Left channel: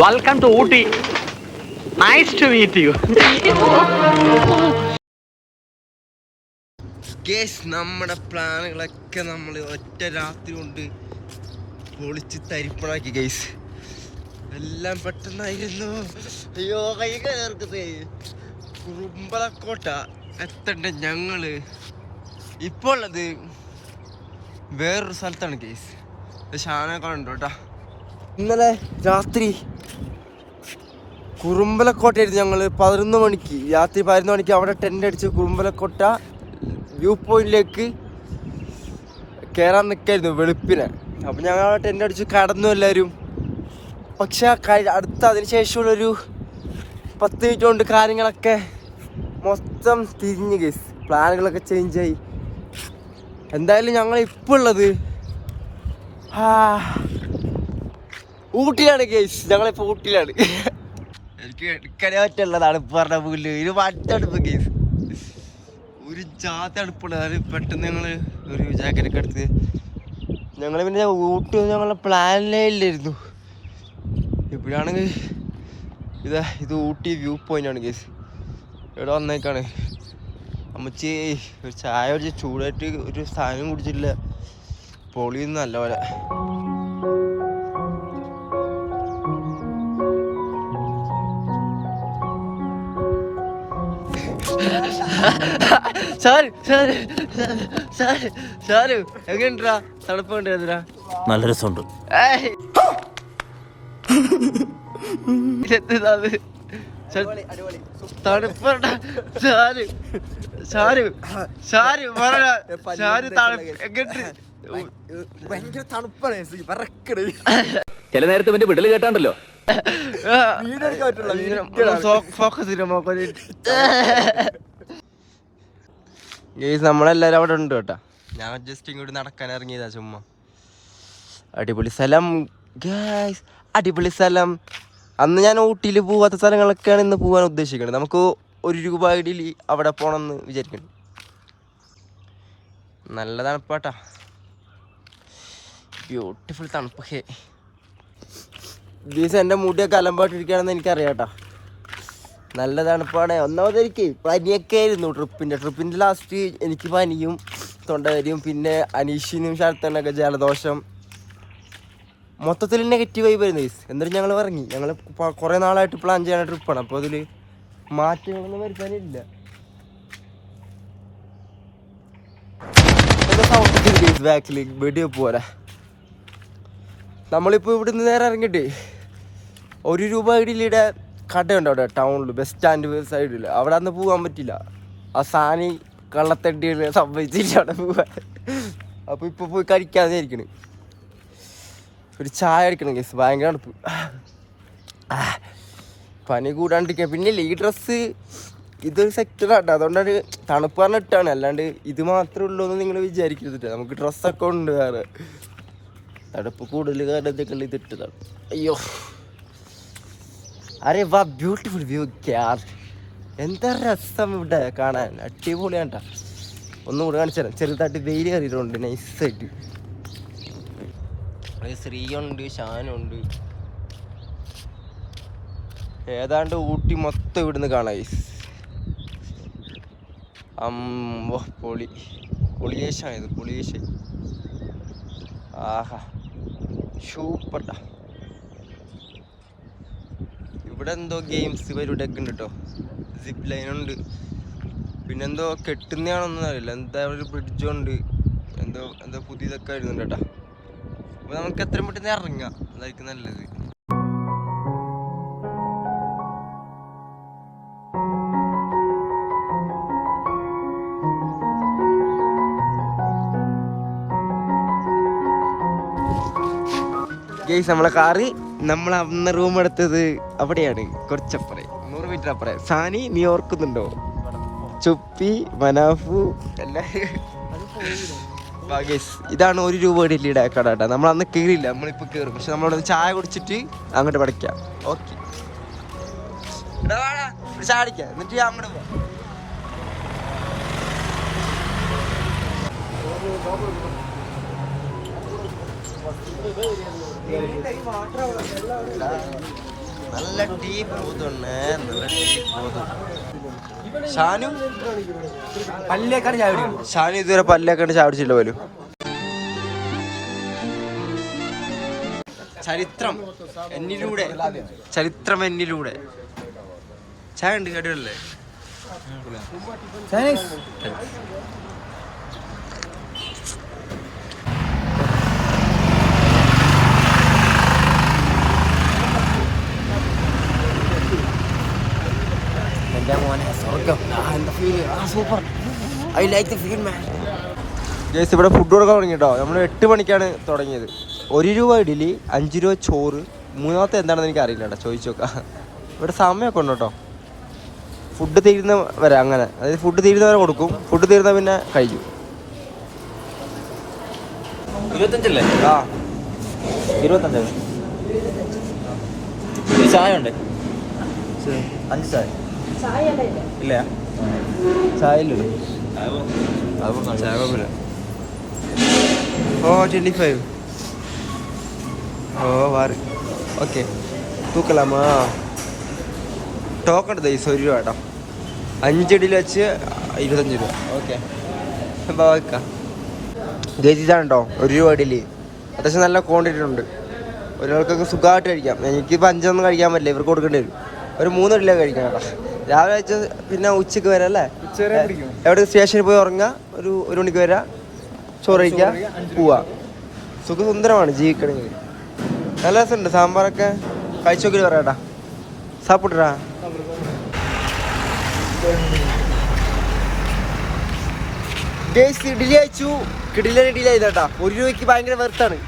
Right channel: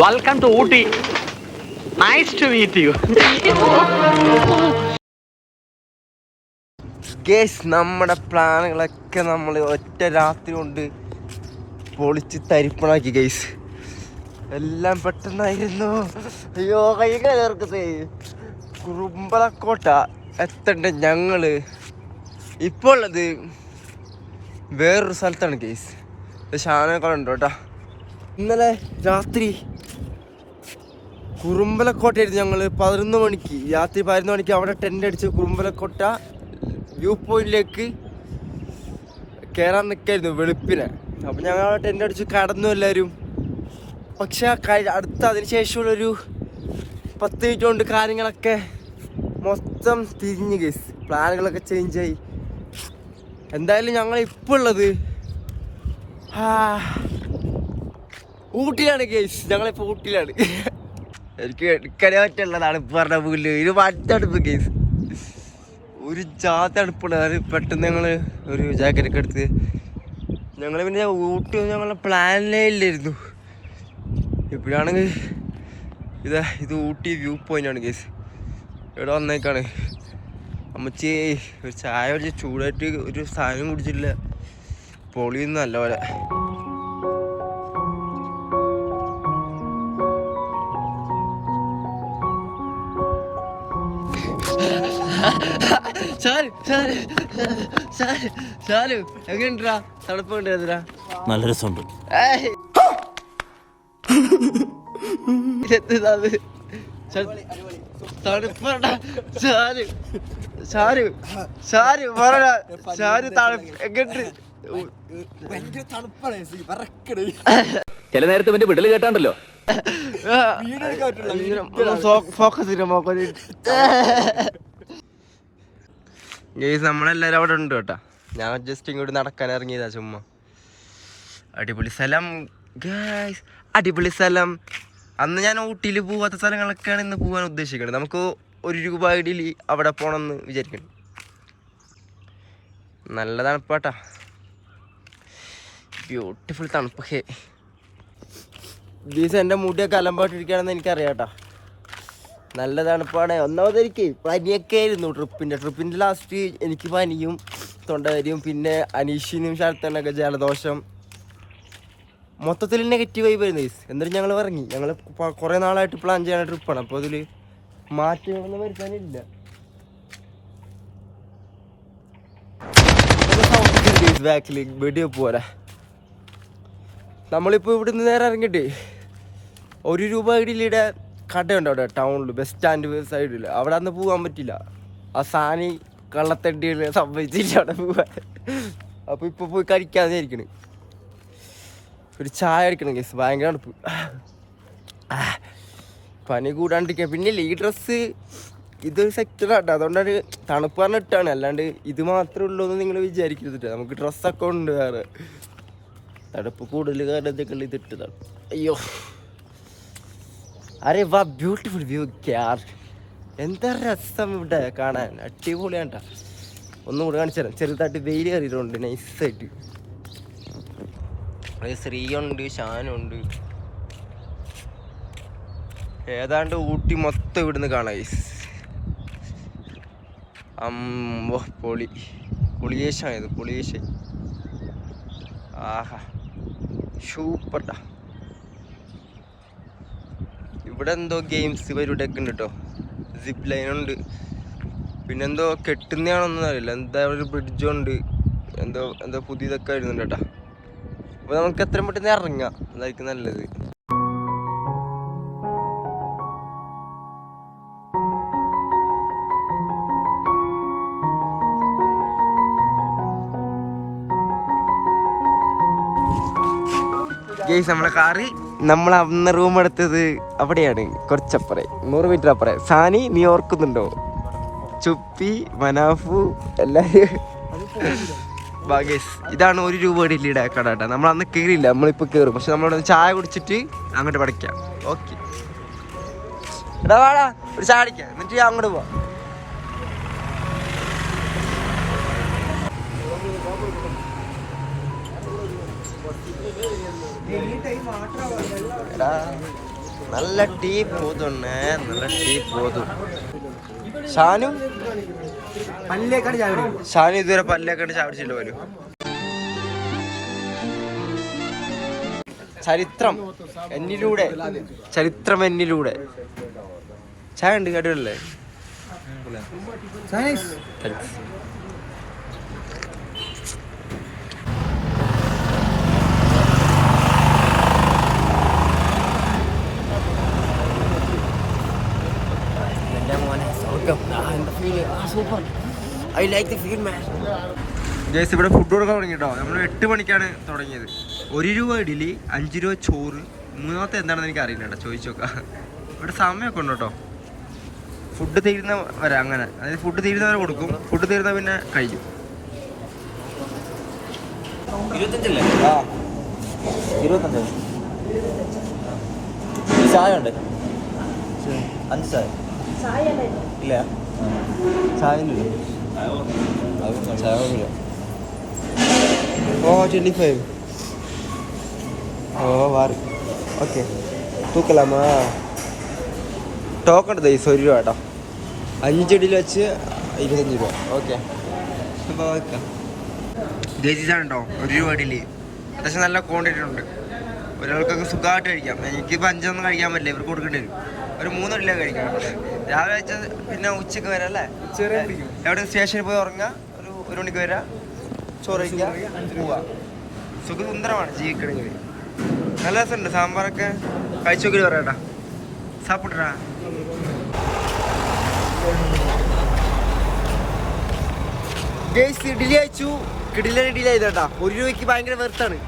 Welcome to Ooty. Nice to meet you guys നമ്മുടെ പ്ലാനുകളൊക്കെ നമ്മൾ ഒറ്റ രാത്രി കൊണ്ട് പൊളിച്ച് തരിപ്പണാക്കി ഗേസ് എല്ലാം പെട്ടെന്നായിരുന്നു അയ്യോ കൈകൾ ചേർക്കത്തേ കുറുമ്പലക്കോട്ട എത്തണ്ട ഞങ്ങൾ. ഇപ്പോൾ ഉള്ളത് വേറൊരു സ്ഥലത്താണ് ഗേസ് ഷാനൊക്കെ കേട്ടാ. ഇന്നലെ രാത്രി കുറുമ്പലക്കോട്ടയായിരുന്നു ഞങ്ങൾ പതിനൊന്ന് മണിക്ക് രാത്രി പതിനൊന്ന് മണിക്ക് അവിടെ ടെന്റ് അടിച്ച് കുറുമ്പലക്കോട്ട വ്യൂ പോയിന്റിലേക്ക് കയറാൻ നിൽക്കായിരുന്നു വെളുപ്പിനെ. അപ്പം ഞങ്ങൾ അവിടെ ടെന്റ് അടിച്ച് കടന്നു എല്ലാവരും പക്ഷെ അടുത്ത അതിന് ശേഷമുള്ളൊരു പത്ത് മിനിറ്റ് കൊണ്ട് കാര്യങ്ങളൊക്കെ മൊത്തം തിരിഞ്ഞ് കേസ് പ്ലാനുകളൊക്കെ ചേഞ്ച് ആയി. എന്തായാലും ഞങ്ങൾ ഇപ്പോൾ ഉള്ളത് ഊട്ടിയിലാണ് കേസ് ഞങ്ങളിപ്പോൾ ഊട്ടിയിലാണ്. എനിക്ക് എടുക്കാനേ പറ്റില്ല തണുപ്പ് പറഞ്ഞ പുല്ല് ഇത് മറ്റടുപ്പ് കേസ് ഒരു ജാതി തണുപ്പുണ്ട്. അത് പെട്ടെന്ന് ഞങ്ങൾ ഒരു ജാക്കറ്റ് ഒക്കെ എടുത്ത് ഞങ്ങൾ പിന്നെ ഊട്ടി ഞങ്ങളെ പ്ലാനിലേ ഇല്ലായിരുന്നു. ഇപ്പോഴാണെങ്കിൽ ഇതാ ഇത് ഊട്ടി വ്യൂ പോയിന്റ് ആണ് കേസ് ഇവിടെ വന്നേക്കാണ്? അമ്മച്ചി ഒരു ചായ കുടിച്ച് ചൂടായിട്ട് ഒരു സാധനം കുടിച്ചില്ല നല്ല നല്ലപോലെ. സാറ് സാറ് സാറ് സാറ് എങ്ങനെണ്ടാ തണുപ്പ് കൊണ്ടുവരാ നല്ല രസമുണ്ട്. തണുപ്പണ്ട. സാര് സാര് സാര് പറ സാര് തണുപ്പ് എങ്ങട്ട് ഭയങ്കര തണുപ്പാണ് വിറക്കണ്. ചില നേരത്തെ ഇവന്റെ വിടൽ കേട്ടാണ്ടല്ലോ. ഗെയ്സ് ഗേസ് നമ്മളെല്ലാരും അവിടെ ഉണ്ട് കേട്ടാ. ഞാൻ ജസ്റ്റ് ഇങ്ങോട്ട് നടക്കാൻ ഇറങ്ങിയതാ ചുമ്മാ. അടിപൊളി സ്ഥലം. ഗായ്സ് അടിപൊളി സ്ഥലം. അന്ന് ഞാൻ ഊട്ടിയിൽ പോവാത്ത സ്ഥലങ്ങളൊക്കെയാണ് ഇന്ന് പോകാൻ ഉദ്ദേശിക്കുന്നത്. നമുക്ക് ഒരു രൂപ ഇടയിൽ അവിടെ പോകണമെന്ന് വിചാരിക്കണം നല്ല തണുപ്പാട്ടാ. ബ്യൂട്ടിഫുൾ തണുപ്പ്. ദിവസം എന്റെ മുടിയൊക്കെ അലമ്പാട്ടിരിക്കുകയാണെന്ന് എനിക്കറിയാം കേട്ടോ നല്ല തണുപ്പാണ്. ഒന്നാമത് എനിക്ക് പനിയൊക്കെ ആയിരുന്നു ട്രിപ്പിന്റെ ട്രിപ്പിന്റെ ലാസ്റ്റ് എനിക്ക് പനിയും തൊണ്ടകരിയും പിന്നെ അനീഷിനും ശരത്തനൊക്കെ ജലദോഷം. മൊത്തത്തിൽ നെഗറ്റീവ് ആയി വരുന്നത് എന്നിട്ട് ഞങ്ങൾ ഇറങ്ങി. ഞങ്ങൾ കുറേ നാളായിട്ട് പ്ലാൻ ചെയ്യാൻ ട്രിപ്പാണ് അപ്പോൾ അതിൽ മാറ്റങ്ങളൊന്നും വരുത്താനില്ല. ബാക്കിൽ വെടിയെ പോരാ നമ്മളിപ്പോൾ ഇവിടുന്ന് നേരെ ഇറങ്ങിയിട്ട് ഒരു രൂപ ഇടയിലിടെ കടയുണ്ട് അവിടെ ടൗണിൽ ബസ് സ്റ്റാൻഡ് സൈഡിൽ അവിടെ അന്ന് പോകാൻ പറ്റില്ല ആ സാനി കള്ളത്തണ്ടികൾ സംഭവിച്ചില്ല അവിടെ പോകാൻ അപ്പോൾ ഇപ്പോൾ പോയി കഴിക്കാതെ ഇരിക്കണ് ഒരു ചായ അടിക്കണം കേസ് ഭയങ്കര അടുപ്പ് പനി കൂടാണ്ടിരിക്കുക പിന്നെ ഇല്ലേ ഈ ഡ്രസ്സ് ഇത് സെക്ടറാട്ടോ അതുകൊണ്ടാണ് തണുപ്പ് പറഞ്ഞിട്ടാണ്. അല്ലാണ്ട് ഇത് മാത്രമേ ഉള്ളൂ എന്ന് നിങ്ങൾ വിചാരിക്കരുത് നമുക്ക് ഡ്രസ്സൊക്കെ ഉണ്ട് വേറെ. തണുപ്പ് കൂടുതൽ കാരണം ഞങ്ങൾ ഇതിട്ടതാണ് അയ്യോ. അരെ വാ ബ്യൂട്ടിഫുൾ വ്യൂ ക്യാർ എന്താ രസം ഇവിടെ കാണാൻ? അടിപൊളിയാണ്ട. ഒന്നും കൂടെ കാണിച്ചു തരാം. ചെറുതായിട്ട് വെയിൽ കയറിയതുകൊണ്ട് നൈസായിട്ട് ശ്രീയുണ്ട് ഷാനുണ്ട്. ഏതാണ്ട് ഊട്ടി മൊത്തം ഇവിടുന്ന് കാണാം അമ്മ പൊളി. ഇത് പൊളിയേശ ആഹാ. സൂപ്പർട്ടാ ഇവിടെ എന്തോ ഗെയിംസ് പരിപാടിയൊക്കെ ഉണ്ട് കേട്ടോ സിപ്പ് ഉണ്ട്. പിന്നെന്തോ കെട്ടുന്നതാണൊന്നും അറിയില്ല. എന്താ ഒരു ബ്രിഡ്ജുണ്ട് എന്തോ എന്തോ പുതിയതൊക്കെ വരുന്നുണ്ട് കേട്ടോ അപ്പോൾ നമുക്ക് എത്രയും പെട്ടെന്ന് ഇറങ്ങാം. അതായിരിക്കും നല്ലത്. ഗെയ്സ് നമ്മളെ കാറി നമ്മൾ അന്ന് റൂം എടുത്തത് അവിടെയാണ് കുറച്ചപ്പുറേ നൂറ് മീറ്റർ അപ്പുറേ. സാനി നീ ഓർക്കുന്നുണ്ടോ? ചുപ്പി മനാഫു എല്ലാവരും ഇതാണ് ഒരു രൂപ ഡൽഹിയുടെ കട കേട്ടോ. നമ്മൾ അന്ന് കയറിയില്ല നമ്മളിപ്പോൾ കയറും പക്ഷെ നമ്മളവിടെ ചായ കുടിച്ചിട്ട് അങ്ങോട്ട് പഠിക്കാം. ഓക്കെ എടാ വാടാ ഒരു എന്നിട്ട് അങ്ങോട്ട് പോവാം. നല്ല ടീ പോതുണ്ണേ നല്ല ടീ പോതു. ഷാനു? പല്ലേക്കാണ് ചാവിടി ഷാനു ഇതുവരെ പല്ലേക്കാണ് ചാടിച്ചില്ല പോലും. ചരിത്രം എന്നിലൂടെ. ചരിത്രം എന്നിലൂടെ. ചായ ഉണ്ട് കടികളല്ലേ super I like the feel man guys ഇവിടെ ഫുഡ് കൊടുക്കാൻ തുടങ്ങി കേട്ടോ നമ്മൾ എട്ട് മണിക്കാണ് തുടങ്ങിയത്. ഒരു രൂപ ഇഡലി അഞ്ച് രൂപ ചോറ് മൂന്നാമത്തെ എന്താണെന്ന് എനിക്ക് അറിയില്ല കേട്ടോ. ചോദിച്ചു നോക്കാം. ഇവിടെ സമയമൊക്കെ ഉണ്ട് കേട്ടോ. ഫുഡ് തീരുന്ന വരെ അങ്ങനെ. അതായത് ഫുഡ് തീരുന്ന വരെ കൊടുക്കും. ഫുഡ് തീരുന്ന പിന്നെ കഴിക്കും. ഇരുപത്തഞ്ചല്ലേ? ആ. ഇരുപത്തഞ്ച് ചായ ഉണ്ട്? അഞ്ച് ചായ. തൂക്കലാമാ? ടോക്കൺ ദൈസ് ഒരു കേട്ടോ. അഞ്ചടിയിൽ വെച്ച് ഇരുപത്തഞ്ച് രൂപ. ഓക്കെ. അപ്പോൾ ഒരു രൂപ ഇഡലി അത്യാവശ്യം നല്ല ക്വാണ്ടിറ്റി ഉണ്ട്. ഒരാൾക്കൊക്കെ സുഖമായിട്ട് കഴിക്കാം എനിക്കിപ്പോൾ അഞ്ചൊന്നും കഴിക്കാൻ പറ്റില്ല. ഇവർക്ക് കൊടുക്കേണ്ടി വരും. ഒരു മൂന്ന് ഇഡലിയൊക്കെ കഴിക്കാം കേട്ടോ രാവിലെ വെച്ച് പിന്നെ ഉച്ചയ്ക്ക് വരാം അല്ലേ? എവിടെ സ്റ്റേഷനിൽ പോയി ഉറങ്ങുക? ഒരു ഒരു മണിക്ക് വരാം. ചോറ് കഴിക്കാം പോവാ. സുഖസുന്ദരമാണ് ജീവിക്കണമെങ്കിൽ. നല്ല രസമുണ്ട്. സാമ്പാറൊക്കെ കഴിച്ചു നോക്കി പറയാട്ടാ സാപ്പിട്ടാ. ഗേസ് ഇഡലി അയച്ചു കിടിലൻ ഇഡലി ആയിട്ടാ ഒരു രൂപയ്ക്ക് ഭയങ്കര വെറുത്താണ്.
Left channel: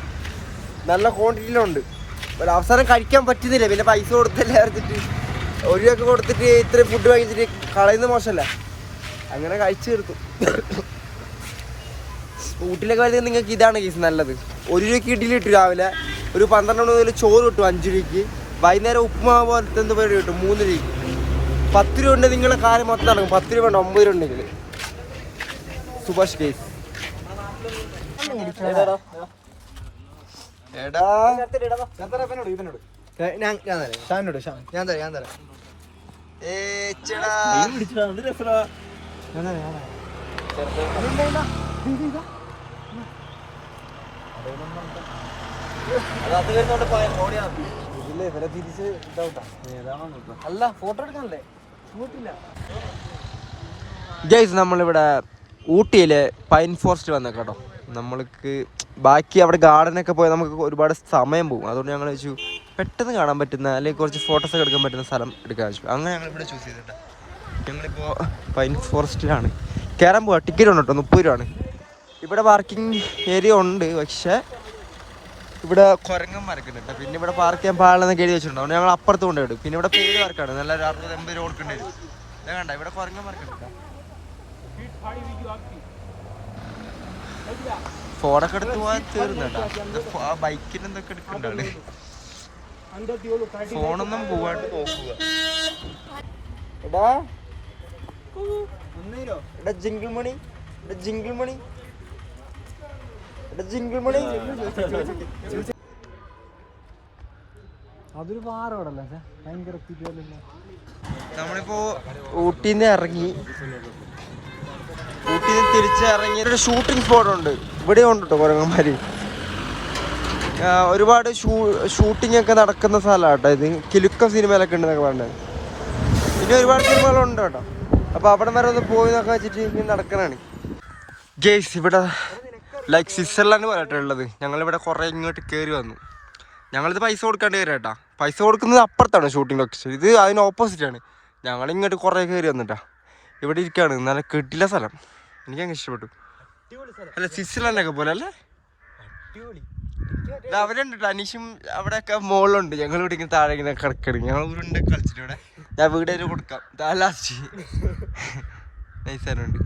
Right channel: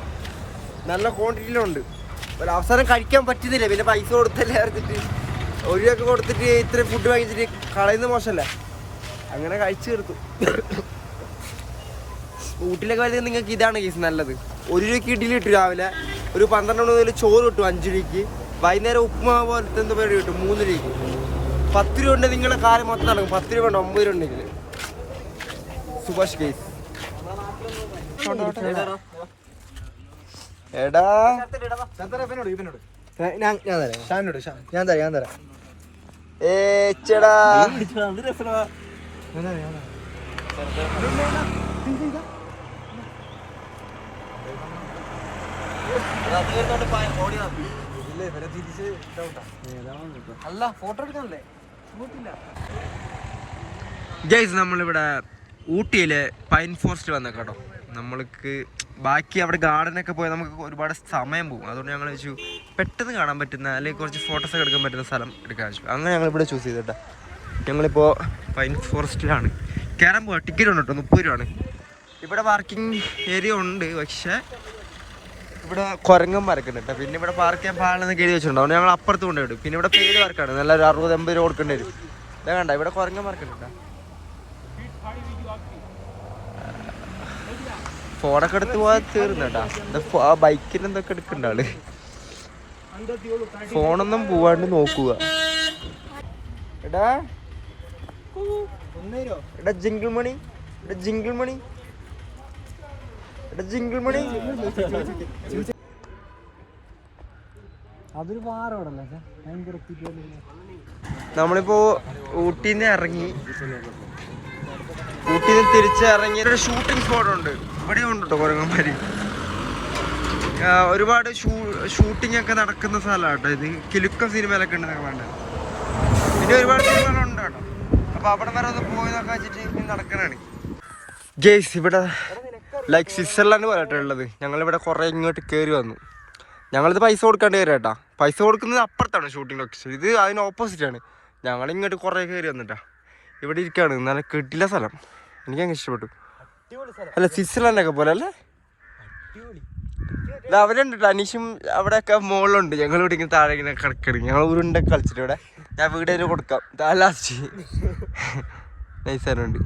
നല്ല ക്വാണ്ടിറ്റിയിലുണ്ട് അവസാനം കഴിക്കാൻ പറ്റുന്നില്ല. പിന്നെ പൈസ കൊടുത്തല്ലേ അറിഞ്ഞിട്ട് ഒരു രൂപയ്ക്ക് കൊടുത്തിട്ട് ഇത്ര ഫുഡ് വാങ്ങിച്ചിട്ട് കളയുന്ന മോശമല്ല. അങ്ങനെ കഴിച്ചു തീർത്തു. ഊട്ടിലൊക്കെ വരുന്നത് നിങ്ങൾക്ക് ഇതാണ് കേസ് നല്ലത്. ഒരു രൂപയ്ക്ക് ഇഡ്ഡലി കിട്ടും രാവിലെ. ഒരു പന്ത്രണ്ട് മണി മുതൽ ചോറ് കിട്ടും അഞ്ച് രൂപയ്ക്ക്. വൈകുന്നേരം ഉപ്പുമാവ് പോലത്തെ എന്ത് പേര് കിട്ടും മൂന്ന് രൂപയ്ക്ക്. പത്ത് രൂപ ഉണ്ട് നിങ്ങളെ കാര്യം മൊത്തം നടക്കും. പത്ത് രൂപ ഉണ്ട് ഒമ്പത് രൂപ ഉണ്ടെങ്കിൽ സുഭാഷ് കേസ് എടാ. ഞാൻ തരാം ഞാൻ തരാം ഞാൻ തരാം. അല്ല ഫോട്ടോ എടുക്കണല്ലേ ഗൈസ് നമ്മളിവിടെ ഊട്ടിയിലെ പൈൻ ഫോറസ്റ്റ് വന്ന കേട്ടോ നമ്മൾക്ക് ബാക്കി അവിടെ ഗാർഡനൊക്കെ പോയാൽ നമുക്ക് ഒരുപാട് സമയം പോകും. അതുകൊണ്ട് ഞങ്ങൾ വെച്ചു പെട്ടെന്ന് കാണാൻ പറ്റുന്ന അല്ലെങ്കിൽ കുറച്ച് ഫോട്ടോസൊക്കെ എടുക്കാൻ പറ്റുന്ന സ്ഥലം എടുക്കാൻ വെച്ചു. അങ്ങനെ ഞങ്ങൾ ഇവിടെ ചൂസ് ചെയ്തിട്ടാ ഞങ്ങളിപ്പോൾ പൈൻ ഫോറസ്റ്റിലാണ് കയറാൻ പോവാ. ടിക്കറ്റ് ഉണ്ട് കേട്ടോ. മുപ്പത് രൂപയാണ്. ഇവിടെ പാർക്കിംഗ് ഏരിയ ഉണ്ട്. പക്ഷേ ഇവിടെ കുരങ്ങന്മാരൊക്കെ ഉണ്ട് പിന്നെ ഇവിടെ പാർക്ക് ചെയ്യാൻ പാടില്ലെന്ന് എഴുതി വെച്ചിട്ടുണ്ടോ. അതുകൊണ്ട് ഞങ്ങൾ അപ്പുറത്ത് കൊണ്ടുപോയി പിന്നെ ഇവിടെ പേര് പാർക്കാണ് നല്ല ഒരു അറുപത് എൺപത് രൂപ കൊടുക്കേണ്ടി വരും. ഇതാ കണ്ട? ഇവിടെ കുരങ്ങന്മാരൊക്കെ ഉണ്ട് ഫോണൊക്കെ എടുത്ത് പോയാൽ തീർന്നേട്ടാ ബൈക്കിന് എന്തൊക്കെ എടുക്കണ്ട ആൾ? ഫോണൊന്നും പോവാണ്ട് നോക്കുക. എടാ. എടാ ജിങ്കിൾ മണി. എടാ ജിങ്കിൾ മണി. എടാ ജിങ്കിൾ മണി. അതൊരു പാറോടല്ല ഭയങ്കര നമ്മളിപ്പോ ഊട്ടിന്ന് ഇറങ്ങി. ഊട്ടിന്ന് തിരിച്ചിറങ്ങി ഷൂട്ടിംഗ് സ്പോട്ട് ഉണ്ട്. ഇവിടെ ഉണ്ട് കേട്ടോ കുരങ്ങന്മാര് ഒരുപാട് ഷൂട്ടിംഗ് ഒക്കെ നടക്കുന്ന സ്ഥലമാണ് കേട്ടോ ഇത്. കിലുക്ക സിനിമയിലൊക്കെ ഉണ്ടെന്നൊക്കെ പറഞ്ഞത്. പിന്നെ ഒരുപാട് സിനിമകളുണ്ട് കേട്ടോ. അപ്പൊ അവിടെ വരെ ഒന്ന് പോയി എന്നൊക്കെ വെച്ചിട്ട് നടക്കണാണ്. ഗേസ് ഇവിടെ ലൈക്ക് സ്വിറ്റ്സർലാൻഡ് പോലട്ടെ ഉള്ളത്. ഞങ്ങളിവിടെ കുറേ ഇങ്ങോട്ട് കയറി വന്നു. ഞങ്ങളിത് പൈസ കൊടുക്കേണ്ടി വരും കേട്ടാ. പൈസ കൊടുക്കുന്നത് അപ്പുറത്താണ് ഷൂട്ടിംഗ് ലൊക്കേഷൻ ഇത് അതിന് ആണ്. ഞങ്ങൾ ഇങ്ങോട്ട് കുറേ കയറി വന്നിട്ടാ. ഇവിടെ ഇരിക്കുകയാണ് നല്ല കിട്ടില്ല സ്ഥലം. എനിക്ക് അങ്ങ് ഇഷ്ടപ്പെട്ടു. അല്ല സ്വിറ്റ്സർലാൻഡൊക്കെ പോലെ അല്ലേ? ഇത് അവരുണ്ട് അനീഷും അവിടെയൊക്കെ മുകളിലുണ്ട് ഞങ്ങൾ ഇവിടെ ഇങ്ങനെ താഴെ ഇങ്ങനെ കിടക്കണം ഞങ്ങൾ ഉരുണ്ട കളിച്ചിട്ട് ഇവിടെ. ഞാൻ വീട് വരെ കൊടുക്കാം. ലാസ്റ്റ് നൈസാനുണ്ട്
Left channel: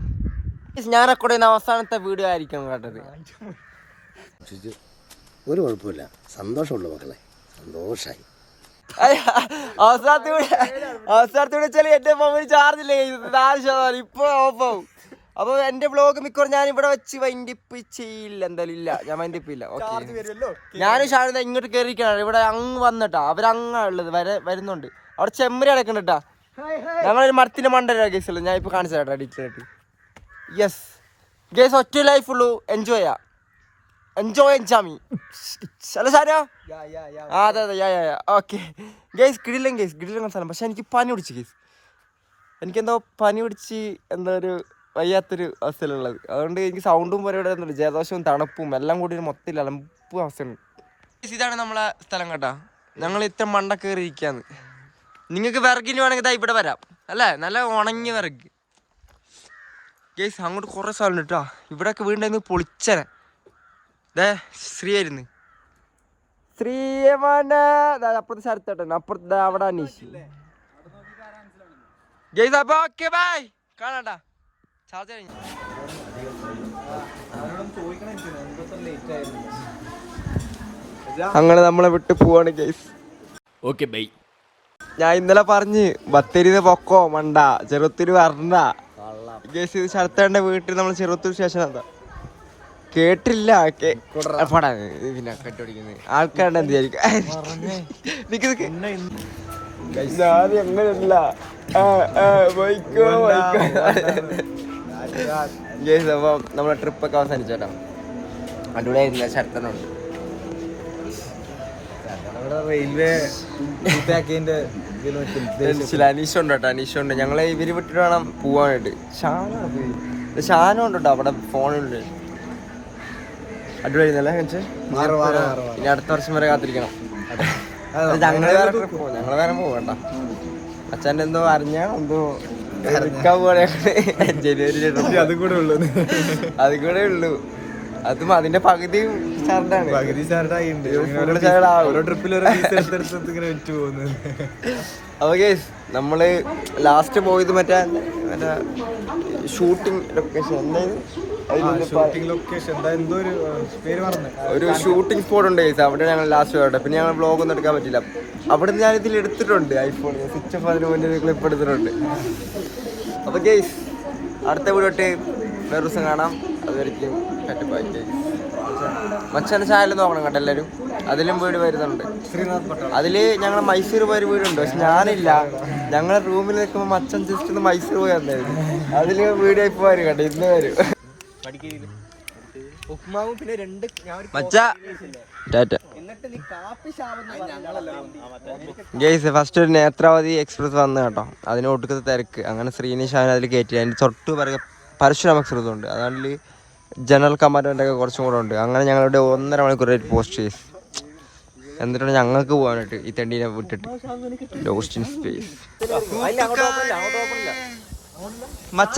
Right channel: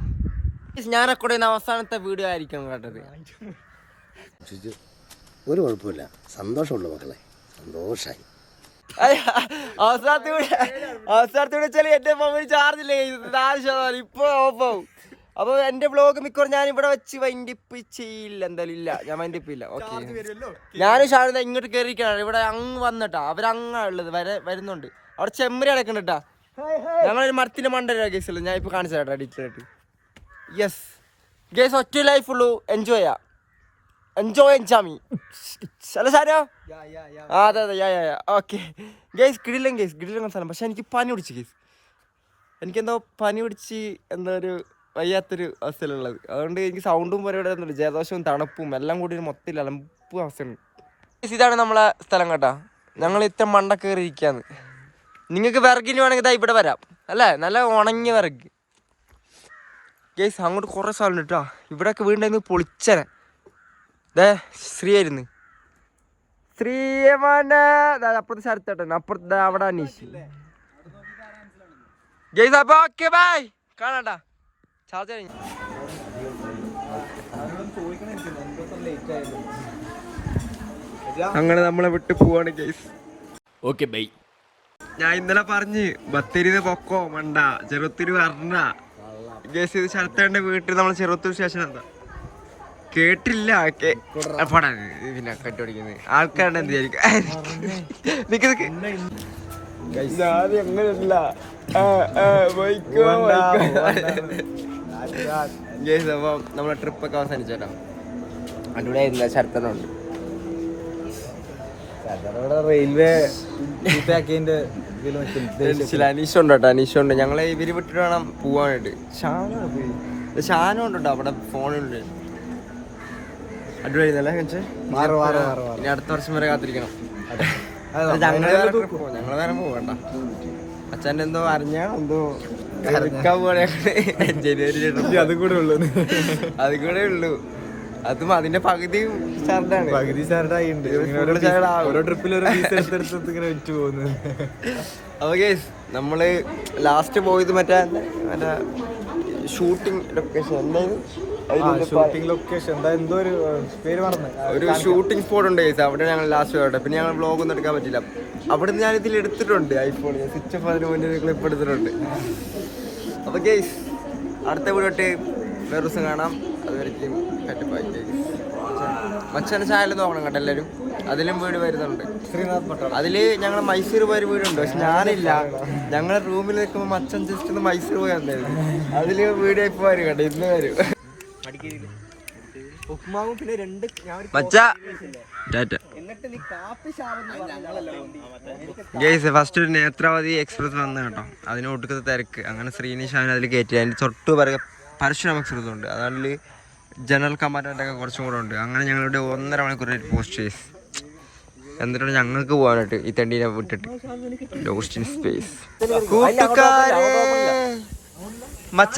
ഞാൻ റെക്കോർഡ് ചെയ്യുന്ന അവസാനത്തെ വീഡിയോ ആയിരിക്കും കേട്ടത്. ഒരു കുഴപ്പമില്ല. സന്തോഷമുള്ള മക്കളെ. സന്തോഷായി. അവസാനത്തെ അവസാനത്തെ വെച്ചാൽ എന്റെ മൊബൈൽ ചാർജ് ഇല്ല നാല് ശതമാനം ഇപ്പൊ ഓഫ് ആവും. അപ്പൊ എന്റെ വ്ലോഗ് മിക്കവാറും ഞാൻ ഇവിടെ വെച്ച് വൈൻഡിപ്പിച്ചില്ല എന്തായാലും ഇല്ല. ഞാൻ വൈൻഡിപ്പില്ല. ഓക്കെ ഞാനും ഷാരദ ഇങ്ങോട്ട് കയറിയിരിക്കാണ് ഇവിടെ അങ്ങ് വന്നിട്ടാ. അവരങ്ങാ ഉള്ളത് വരെ വരുന്നുണ്ട്. അവിടെ ചെമ്മരി അടക്കണ്ടട്ടാ ഞങ്ങളൊരു മരത്തിന്റെ മണ്ടര കേസുള്ളൂ ഞാൻ ഇപ്പൊ കാണിച്ചു ആയിട്ട്. യെസ് ഗേസ് ഒറ്റ ലൈഫ് ഉള്ളൂ. എൻജോയ് ചെയ്യാം എൻജോയ് എൻജാമി അല്ല സാരോ ആ അതെ അതെ. യാ യാ ഓക്കെ ഗേസ് കിടിലൻ ഗേസ് കിടിലൻ സ്ഥലം. പക്ഷെ എനിക്ക് പനി പിടിച്ചു ഗേസ് എനിക്കെന്തോ പനി പിടിച്ച് എന്തോ ഒരു വയ്യാത്തൊരു അവസ്ഥയിലുള്ളത്. അതുകൊണ്ട് എനിക്ക് സൗണ്ടും പരിപാടി ഒന്നുമില്ല ജലദോഷവും തണുപ്പും എല്ലാം കൂടി ഒരു മൊത്തത്തിൽ അലമ്പ് അവസ്ഥയാണ്. ഇതാണ് നമ്മളെ സ്ഥലം കേട്ടോ. ഞങ്ങൾ ഇത്ര മണ്ട കയറി ഇരിക്കാന്ന് നിങ്ങൾക്ക് വിറകിന് വേണമെങ്കിൽ ഇതാ ഇവിടെ വരാം. അല്ലേ? നല്ല ഉണങ്ങിയ വിറക്. ഗേസ് അങ്ങോട്ട് കുറേ സ്ഥലം കേട്ടോ. ഇവിടെയൊക്കെ വീണ്ടും പൊളിച്ചനെ. ദേ ശ്രീ ആയിരുന്നു. ശ്രീമാന അപ്പുറത്തെ സ്ഥലത്തോട്ടെ അപ്പുറത്ത് അവിടെ അനീഷ്. ഗേസ് അപ്പൊ ഓക്കെ ബൈ കാണാട്ടാ ചാർജ് കഴിഞ്ഞു അങ്ങനെ നമ്മളെ വിട്ട് പോവാണ് ഗൈസ് ഓക്കെ ബൈ ഞാൻ ഇന്നലെ പറഞ്ഞ് ബത്തേരിന്ന് പൊക്കോ മണ്ട ചെറുത്തൂര് വരണ്ട. ഗൈസ് ഇത് ശരത്തേണ്ട വീട്ടിൽ നമ്മൾ ചെറുത്തൂർ സ്റ്റേഷൻ എന്താ കേട്ടില്ല പടാ ഇതിനെ കെട്ടുപിടിക്കുന്നത് ആൾക്കാരുടെ എന്ത് വിചാരിക്കും? എങ്ങനെയല്ല. ഞാൻ ഗേസ് അപ്പം നമ്മളെ ട്രിപ്പൊക്കെ ഒക്കെ അടിപൊളിയായിരുന്നില്ല ശരത്തനുണ്ട് റെയിൽവേ അനീഷുണ്ട് കേട്ടോ അനീഷുണ്ട്. ഞങ്ങളെ ഇവർ വിട്ടിട്ട് വേണം പോവാനായിട്ട്. ഷാനാണ് ഷാനും ഉണ്ട് കേട്ടോ അവിടെ ഫോണുണ്ട് അടിപൊളിയായിരുന്നല്ലേ. ഇനി അടുത്ത വർഷം വരെ കാത്തിരിക്കണം. ഞങ്ങൾ വേറെ ട്രിപ്പ് പോകും ഞങ്ങൾ വേറെ പോകണ്ട അച്ഛന്റെ എന്തോ അറിഞ്ഞാണോ എന്തോ ജനുവരി അതും കൂടെ ഉള്ളു. അത് കൂടെ ഉള്ളൂ. അതും അതിന്റെ പകുതി സാറിന്റെ പകുതി ആവും. ഓരോ ട്രിപ്പിൽ പോകുന്നത് അപ്പൊ കേസ് നമ്മൾ ലാസ്റ്റ് പോയത് മറ്റേ മറ്റേ ഷൂട്ടിംഗ് ലൊക്കേഷൻ എന്തായത്? ഒരു ഷൂട്ടിംഗ് സ്പോട്ട് ഉണ്ട് കേസ് അവിടെ ഞങ്ങൾ ലാസ്റ്റ് പോയിട്ട് പിന്നെ ഞങ്ങൾ വ്ളോഗ് ഒന്നും എടുക്കാൻ പറ്റില്ല. അവിടെ ഞാൻ ഇതിൽ എടുത്തിട്ടുണ്ട് ഐഫോൺ സ്വിച്ച് ഓഫ് അതിന് മുന്നേ ഒരു ക്ലിപ്പ് എടുത്തിട്ടുണ്ട്. അപ്പൊ ഗെയ്സ് അടുത്ത വീടോട്ട് വേറെ ദിവസം കാണാം. കേസ് മച്ചാന്റെ ചാനൽ നോക്കണം കേട്ടോ എല്ലാവരും. അതിലും വീട് വരുന്നുണ്ട്. അതിൽ ഞങ്ങൾ മൈസൂർ പോയൊരു വീടുണ്ട് പക്ഷെ ഞാനില്ല. ഞങ്ങളെ റൂമിൽ നിൽക്കുമ്പോൾ മച്ചൻ ജസ്റ്റ് ഒന്ന് മൈസൂർ പോയി വന്നായിരുന്നു. അതിൽ വീട് ഇപ്പൊ വരും കേട്ടോ. ഇന്ന് വരും. ഉപ്മാവും പിന്നെ രണ്ട് ഞാൻ ഒരു മച്ച. ടാറ്റ. എന്നിട്ട് നീ കാപ്പി ശാപം ഗൈസ് ഫസ്റ്റ് ഒരു നേത്രാവതി എക്സ്പ്രസ് വന്നു കേട്ടോ. അതിന് ഒടുക്കത്തെ തിരക്ക്. അങ്ങനെ ശ്രീനിഷ് അവൻ അതിൽ കയറ്റി അതിന്റെ തൊട്ട് പറയുക പരശുരാം എക്സ്പ്രസ് ഉണ്ട്. അതിൽ ജനറൽ കമ്പാർട്ട്മെന്റ് ഒക്കെ കുറച്ചും കൂടെ ഉണ്ട്. അങ്ങനെ ഞങ്ങളുടെ ഒന്നര മണിക്കൂർ പോസ്റ്റ് ചെയ്സ് എന്നിട്ടാണ് ഞങ്ങൾക്ക് പോകാനായിട്ട് ഈ തണ്ടീനെ വിട്ടിട്ട്. ലോസ്റ്റ് ഇൻ സ്പേസ് കൂട്ടുകാരെ! മച്ച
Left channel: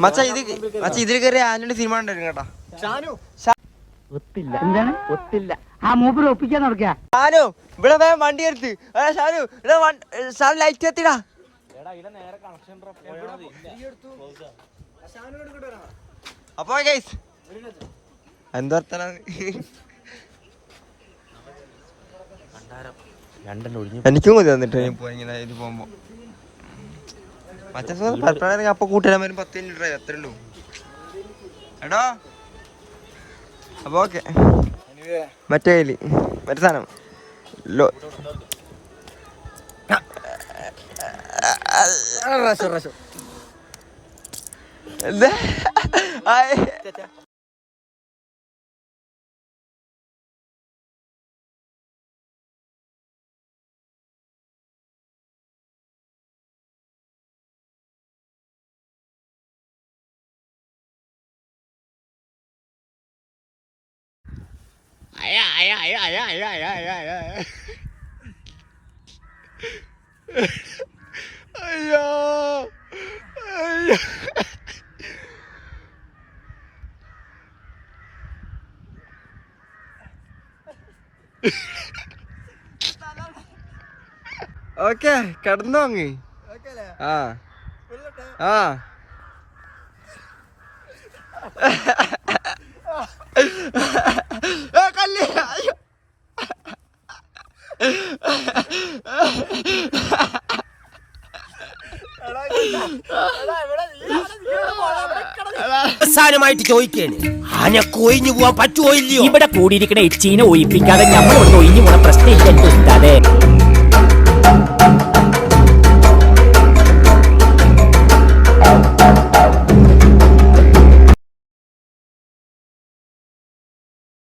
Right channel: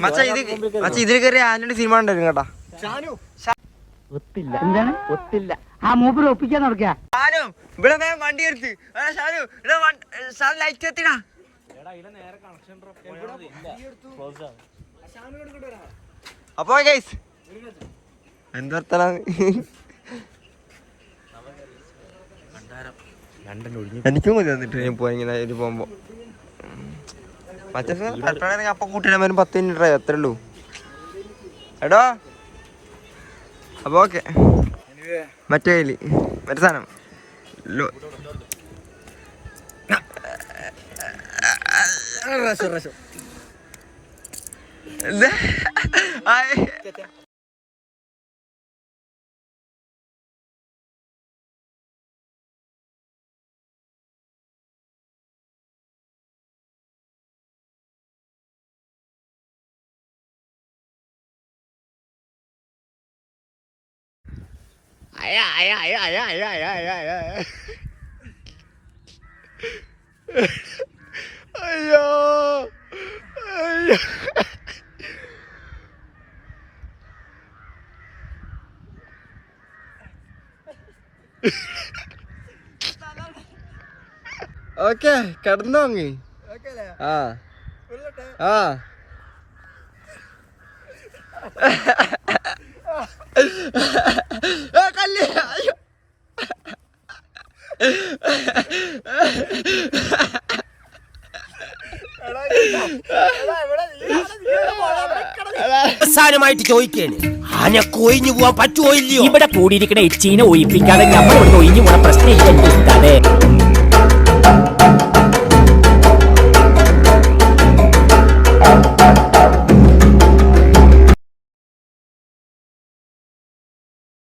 മച്ച ഇത് മച്ച ഇതിൽ കയറി ആന്റണി സിനിമ ഉണ്ടായിരുന്നു കേട്ടോ. ഒത്തില്ല. എന്താണ്? ഒത്തില്ല. ആ മൂപ്പര് ഒപ്പിക്കാൻ നടക്കുക ഷാനു ഇവിടെ വേഗം വണ്ടി എടുത്ത് ആ, ഷാനു ഇവിടെ വൺ- ഷാനു ലൈറ്റ് എത്തിടാ. അപ്പോ ഗൈസ് എന്തർത്താണ് എനിക്കും കൂടി തന്നിട്ട് ഞാൻ പോയി ഇങ്ങനെ പോകുമ്പോ. മറ്റേ പരപ്പനാണെങ്കിൽ അപ്പൊ കൂട്ടിയാൽ വരും പത്ത് മിനിറ്റ് ഡ്രൈവ് അത്രേ ഉള്ളൂ എടോ അപ്പൊ ഓക്കെ മറ്റേ കയ്യിൽ മറ്റേ സാധനം ലോ എന്താ ആയ്. അയ്യോ. അയ്യോ. ഓക്കെ കിടന്നോ അങ്ങ്. ആ. ആ, കല്ല് അവസാനമായിട്ട് ചോദിക്കേണ്. ആനക്ക് ഒഴിഞ്ഞു പോവാൻ പറ്റുമോ ഇല്ലയോ? ഇവിടെ കൂടിയിരിക്കണ എച്ചീനെ ഒഴിപ്പിക്കാതെ നമ്മൾ ഇവിടെ ഒഴിഞ്ഞു പോണ പ്രശ്നം ഇല്ല എന്റെ ഉസ്താദേ